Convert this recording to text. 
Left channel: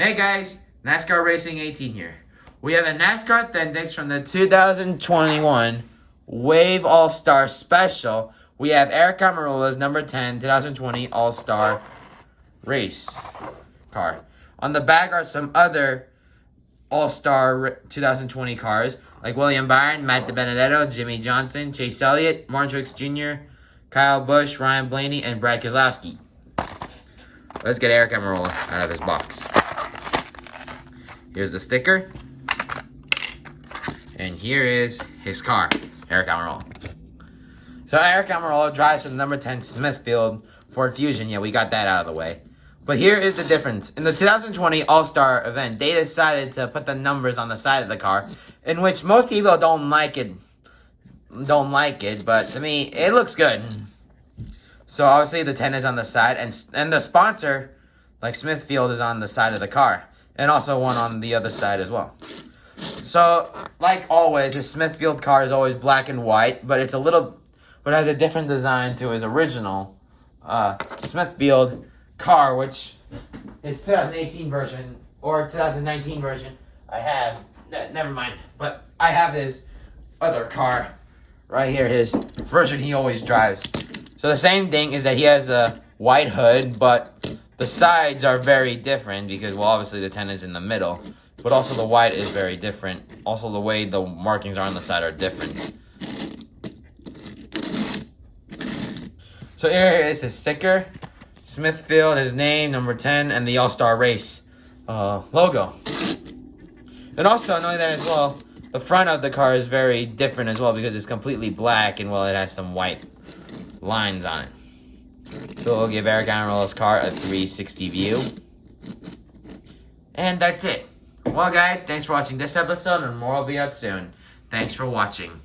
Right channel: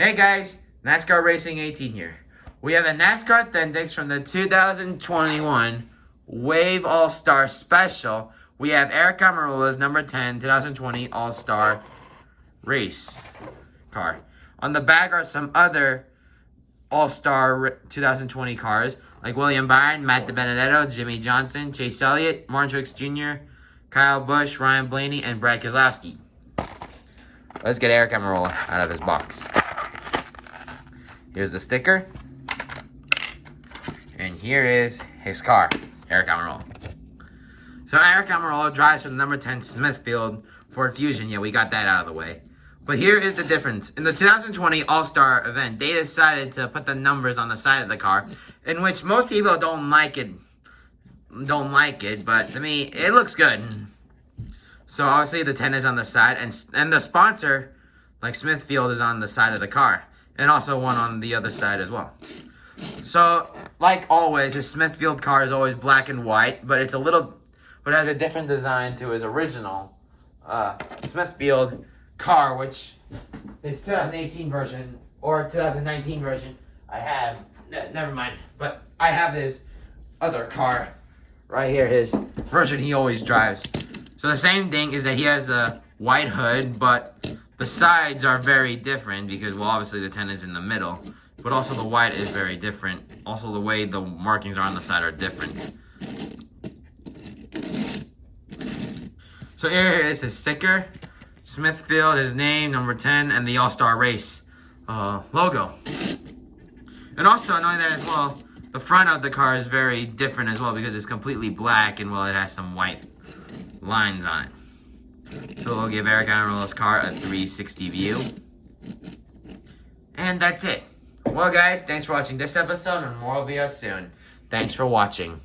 Hey guys, NASCAR Racing 18 here. We have a NASCAR Authentics from the 2021 Wave All-Star Special. We have Aric Almirola's number 10 2020 All-Star Race car. On the back are some other All-Star 2020 cars, like William Byron, Matt DiBenedetto, Jimmy Johnson, Chase Elliott, Martin Truex Jr., Kyle Busch, Ryan Blaney, and Brad Keselowski. Let's get Aric Almirola out of his box. Here's the sticker. And here is his car, Aric Almirola. So Aric Almirola drives for the number 10 Smithfield Ford Fusion. Yeah, we got that out of the way. But here is the difference. In the 2020 All-Star event, they decided to put the numbers on the side of the car, in which most people don't like it, but to me, it looks good. So obviously the 10 is on the side, and the sponsor, like Smithfield, is on the side of the car. And also one on the other side as well. So, like always, his Smithfield car is always black and white, but it has a different design to his original Smithfield car, which is 2018 version or 2019 version. I have, never mind, but I have his other car right here, his version he always drives. So the same thing is that he has a white hood, but the sides are very different because, well, obviously the 10 is in the middle, but also the white is very different. Also, the way the markings are on the side are different. So here is his sticker, Smithfield, his name, number 10, and the All-Star Race logo. And also, knowing that as well, the front of the car is very different as well because it's completely black and, well, it has some white lines on it. So we'll give Aric Almirola's car a 360 view. And that's it. Well, guys, thanks for watching this episode, and more will be out soon. Thanks for watching.